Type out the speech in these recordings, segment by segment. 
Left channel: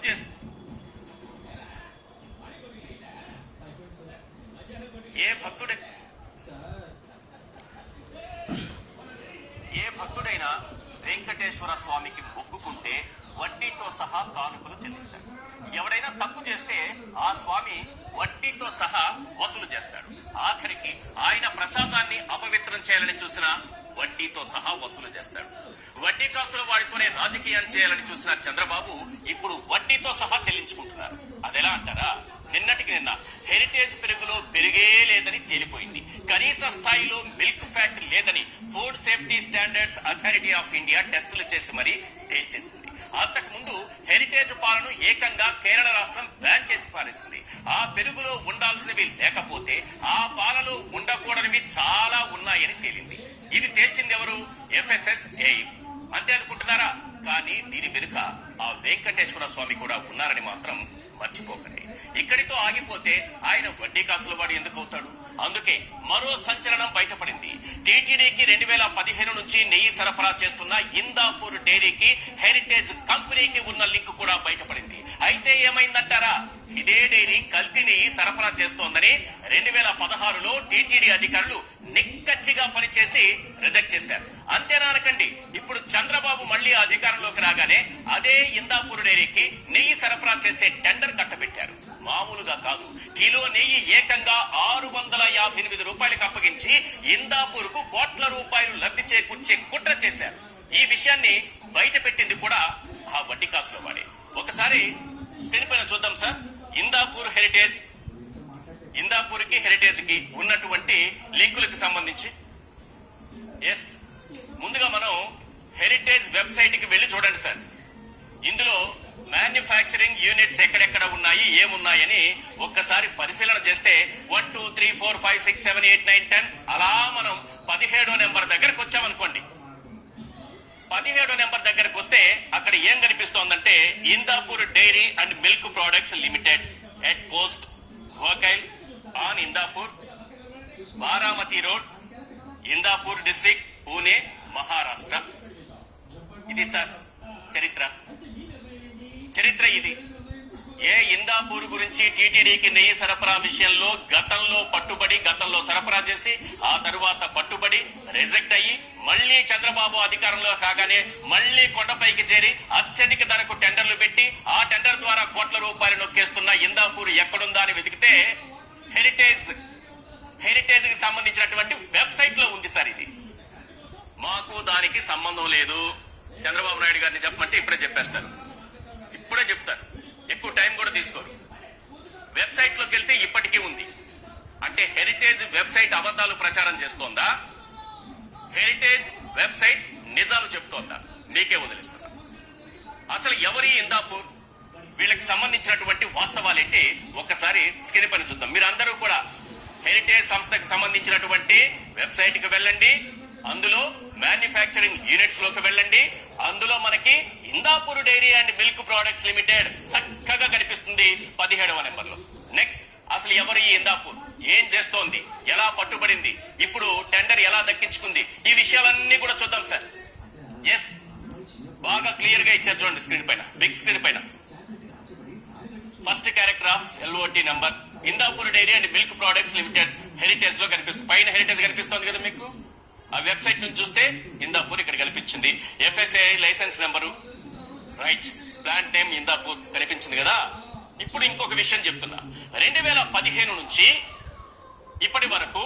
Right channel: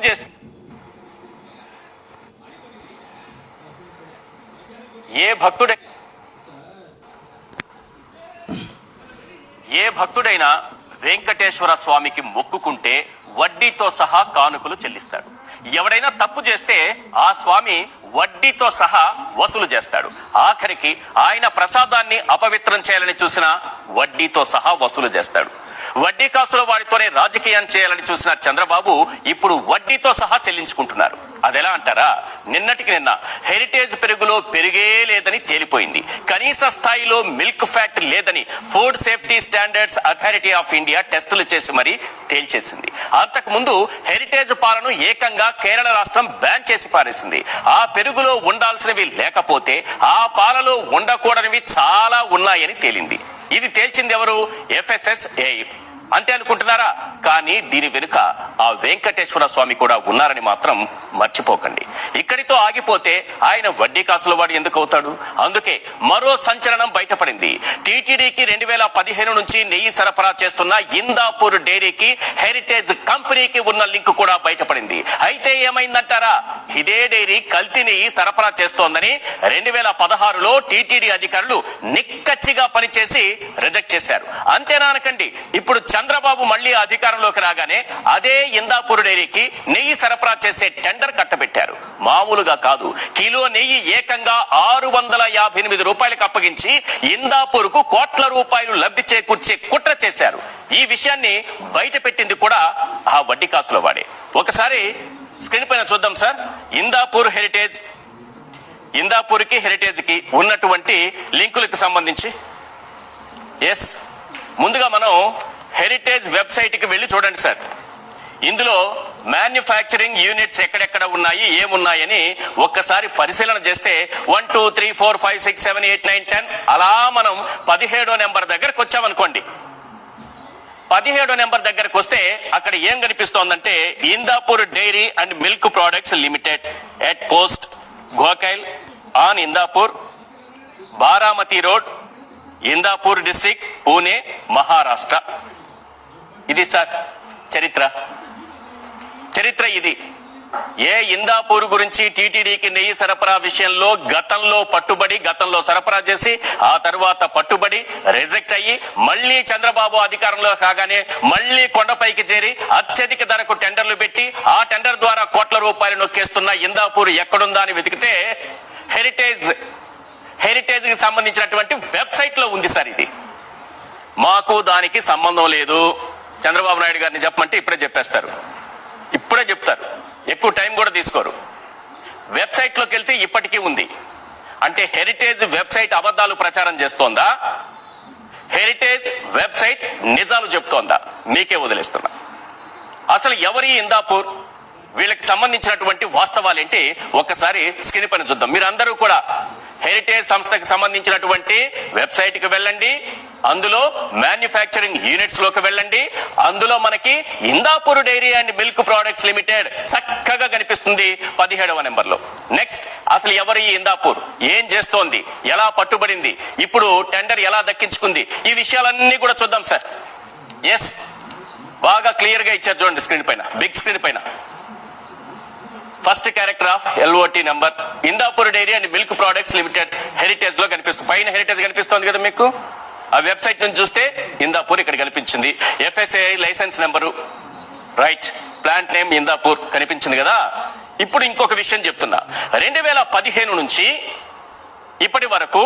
ఏ భక్తుడైనా వెంకటేశ్వర స్వామికి మొక్కుకుంటే వడ్డీతో సహా కానుకలు చెల్లిస్తాడు. ఎవడైనా తప్పు చేస్తే ఆ స్వామి వడ్డీతో సహా వసూలు చేస్తాడు. ఆఖరికి ఆయన ప్రసాదాన్ని అపవిత్రం చేయాలని చూసినా వడ్డీతో సహా వసూలు చేస్తాడు. వడ్డీ కాసుల వాడితోనే రాజకీయం చేయాలని చూసిన చంద్రబాబు ఇప్పుడు వడ్డీతో సహా చెల్లించుకుంటున్నారు. అదెలా అంటారా? నిన్నటికి నిన్న హెరిటేజ్ పెరుగులో పెరిగే లేదని తేలిపోయింది. కనీస స్థాయిలో మిల్క్ ఫ్యాట్ లేదని food safety standards authority of India టెస్టులు చేసి మరీ తేల్చేసింది. అంతకు ముందు హెరిటేజ్ పాలను ఏకంగా కేరళ రాష్ట్రం బ్యాన్ చేసి పారేసింది. ఆ పెరుగులో ఉండాల్సినవి లేకపోతే ఆ పాలలో ఉండకూడనివి చాలా ఉన్నాయని తేలింది. ఇది తేల్చింది ఎవరు? FSSAI. అంతే అనుకుంటున్నారా? కానీ దీని వెనుక ఆ వెంకటేశ్వర స్వామి కూడా ఉన్నారని మాత్రం మర్చిపోకండి. ఇక్కడితో ఆగిపోతే ఆయన వడ్డీ కాసుల వాడు ఎందుకు అవుతాడు? అందుకే మరో సంచలనం బయటపడింది. టీటీడీకి 2015 నుంచి నెయ్యి సరఫరా చేస్తున్న ఇందాపూర్ డైరీకి హెరిటేజ్ కంపెనీకి ఉన్న లింక్ కూడా బయటపడింది. అయితే ఏమైందంటారా? ఇదే డైరీ కల్తీ నెయ్యి సరఫరా చేస్తోందని 2016లో టీటీడీ అధికారులు నిక్కచ్చిగా పనిచేసి రిజెక్ట్ చేశారు. అంతేనా అనకండి, ఇప్పుడు చంద్రబాబు మళ్లీ అధికారంలోకి రాగానే అదే ఇందాపూర్ డైరీకి నెయ్యి సరఫరా చేసే టెండర్ కట్టబెట్టారు. మామూలుగా కాదు, కిలో నెయ్యి ఏకంగా 658 రూపాయలకు అప్పగించి ఇందాపూర్ కు కోట్ల రూపాయలు లబ్ధి చేకూర్చే కుట్ర చేశారు. ఈ విషయాన్ని బయట పెట్టింది కూడా ఆ వడ్డీ కాసుల వాడే. ఒకసారి స్క్రీన్ పైన చూద్దాం సార్. ఇందాపూర్ కి హెరిటేజ్ కి ఉన్నటువంటి లింకులకు సంబంధించి. ఎస్, ముందుగా మనం హెరిటేజ్ వెబ్సైట్ కి వెళ్ళి చూడండి సార్. ఇందులో మ్యానుఫ్యాక్చరింగ్ యూనిట్స్ ఎక్కడెక్కడ ఉన్నాయి, ఏమున్నాయని ఒక్కసారి పరిశీలన చేస్తే 1 2 3 4 5 6 7 8 9 10 అలా మనం 17వ నెంబర్ దగ్గరకు వచ్చామనుకోండి. 17వ నెంబర్ దగ్గరకు వస్తే అక్కడ ఏం కనిపిస్తోందంటే Indapur dairy and milk products limited at post Gokail on Indapur, Baramati road, Indapur district, Pune, Maharashtra. ఇది సార్ చరిత్ర ఇది. ఏ ఇందాపూర్ గురించి టీటీడీకి నెయ్యి సరఫరా విషయంలో గతంలో సరఫరా చేసి ఆ తర్వాత పట్టుబడి రిజెక్ట్ అయ్యి మళ్లీ చంద్రబాబు అధికారంలో కాగానే మళ్లీ కొండపైకి చేరి అత్యధిక ధరకు టెండర్లు పెట్టి ఆ టెండర్ ద్వారా కోట్ల రూపాయలు నొక్కేస్తున్న ఇందాపూర్ ఎక్కడుందా అని వెతికితే హెరిటేజ్ కి సంబంధించినటువంటి వెబ్సైట్ లో ఉంది సార్. ఇది మాకు దానికి సంబంధం లేదు. చంద్రబాబు నాయుడు గారిని చెప్పమంటే ఇప్పుడే చెప్తారు. ఎక్కువ టైం కూడా తీసుకోరు. వెబ్సైట్ లోకి వెళ్తే ఇప్పటికీ ఉంది. అంటే హెరిటేజ్ వెబ్సైట్ అబద్ధాలు ప్రచారం చేస్తోందా? హెరిటేజ్ వెబ్సైట్ నిజాలు చెప్తోందా? మీకే వదిలేస్తున్నా. అసలు ఎవరి ఇందాపూర్, వీళ్ళకి సంబంధించినటువంటి వాస్తవాలు ఏంటి ఒక్కసారి స్క్రీన్ పైన చూద్దాం. మీరందరూ కూడా హెరిటేజ్ సంస్థకి సంబంధించినటువంటి వెబ్సైట్ కి వెళ్ళండి. అందులో మ్యానుఫ్యాక్చరింగ్ యూనిట్స్ లోకి వెళ్ళండి. అందులో మనకి Indapur dairy and milk products limited చక్కగా కనిపిస్తుంది 17వ నెంబర్ లో. నెక్స్ట్, అసలు ఎవరు ఈ ఇందాపూర్, ఏం చేస్తోంది, ఎలా పట్టుబడింది, ఇప్పుడు టెండర్ ఎలా దక్కించుకుంది, ఈ విషయాలన్నీ కూడా చూద్దాం సార్. ఎస్, బాగా క్లియర్ గా ఇచ్చారు చూడండి స్క్రీన్ పైన, బిగ్ స్క్రీన్ పైన. First character of LOT number Indapur dairy and milk products limited Heritage లో కనిపిస్తుంది. పైన హెరిటేజ్ కనిపిస్తోంది కదా మీకు. ఆ వెబ్సైట్ నుంచి చూస్తే ఇందాపూర్ ఇక్కడ కనిపించింది. FSSAI licence number, right, plant name Indapur కనిపించింది కదా. ఇప్పుడు ఇంకొక విషయం చెప్తున్నా. 2015 నుంచి ఇప్పటి వరకు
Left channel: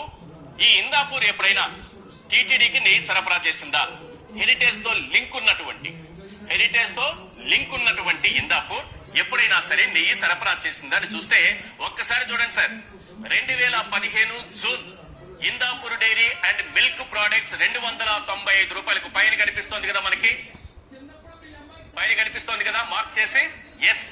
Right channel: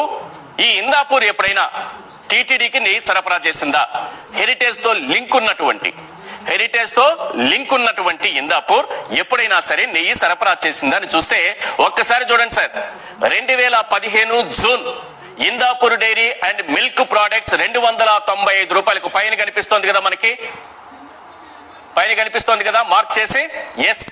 ఈ ఇందాపూర్ ఎప్పుడైనా టీటీడీకి నెయ్యి సరఫరా చేసిందా? హెరిటేజ్ తో లింక్ ఉన్నటువంటి ఇందాపూర్ ఎప్పుడైనా సరే నెయ్యి సరఫరా చేసిందా అని చూస్తే ఒక్కసారి చూడండి sir. 2015 June Indapur dairy and milk products 295 రూపాయలకు పైన కనిపిస్తోంది కదా, మనకి పైన కనిపిస్తోంది కదా మార్క్ చేసి. ఎస్,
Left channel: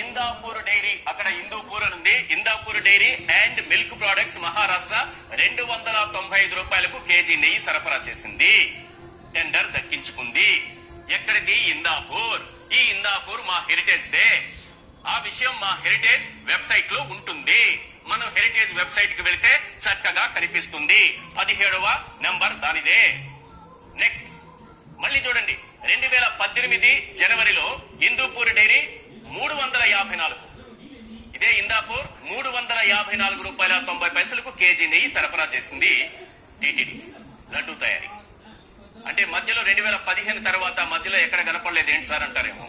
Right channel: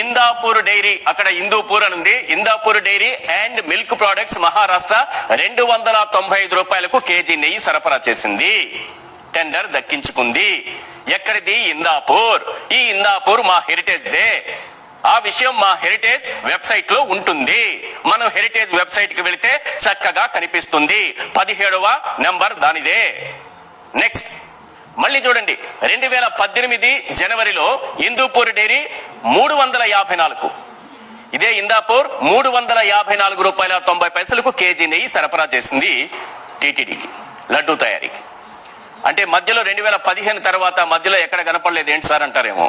ఇందాపూర్ డైరీ, అక్కడ హిందూపూర్ అని ఉంది. Indapur dairy and milk products Maharashtra 295 రూపాయలకు కేజీ నెయ్యి సరఫరా చేసింది. టెండర్ దక్కించుకుంది. ఎక్కడిది? ఇందాపూర్. ఈ ఇందాపూర్ మా హెరిటేజ్ దే. ఆ విషయం మా హెరిటేజ్ వెబ్సైట్ లో ఉంటుంది. మనం హెరిటేజ్ వెబ్సైట్ కి వెళితే చక్కగా కనిపిస్తుంది. 17వ నెంబర్ దానిదే. నెక్స్ట్, మళ్ళీ చూడండి. 2018 జనవరిలో ఇందూపూర్ డైరీ 354, ఇదే ఇందాపూర్ 354 రూపాయల 90 పైసలకు కేజీ నెయ్యి సరఫరా చేసింది టీటీడీకి లడ్డూ తయారీకి. అంటే మధ్యలో 2015 తర్వాత మధ్యలో ఎక్కడ కనపడలేదు ఏంటి సార్ అంటారేమో,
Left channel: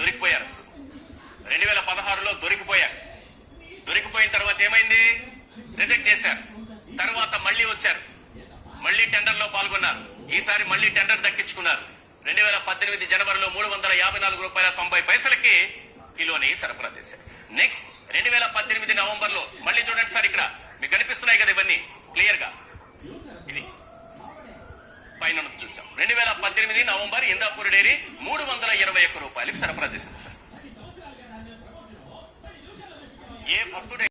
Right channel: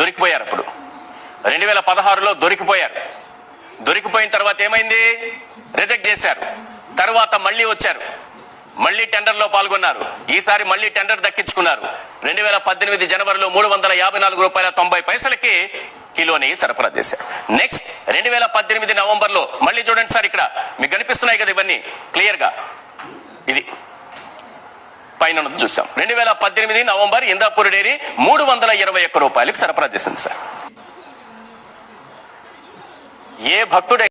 దొరికిపోయారు. అప్పుడు 2016లో దొరికిపోయారు. దొరికిపోయిన తర్వాత ఏమైంది, రిజెక్ట్ చేశారు. తర్వాత మళ్ళీ వచ్చారు, మళ్ళీ టెండర్ లో పాల్గొన్నారు. ఈసారి మళ్ళీ టెండర్ దక్కించుకున్నారు. 2018 జనవరిలో 354 రూపాయల 90 పైసలకి కిలో నెయ్యి సరఫరా చేశారు. నెక్స్ట్ 2018 నవంబర్లో మళ్ళీ చూడండి సార్, ఇక్కడ మీకు కనిపిస్తున్నాయి కదా ఇవన్నీ క్లియర్ గా, ఇది పైన చూసాం. 2018 నవంబర్ ఇందాపూర్ డైరీ 321 రూపాయలకు సరఫరా చేసింది సార్. ఏ భక్తుడై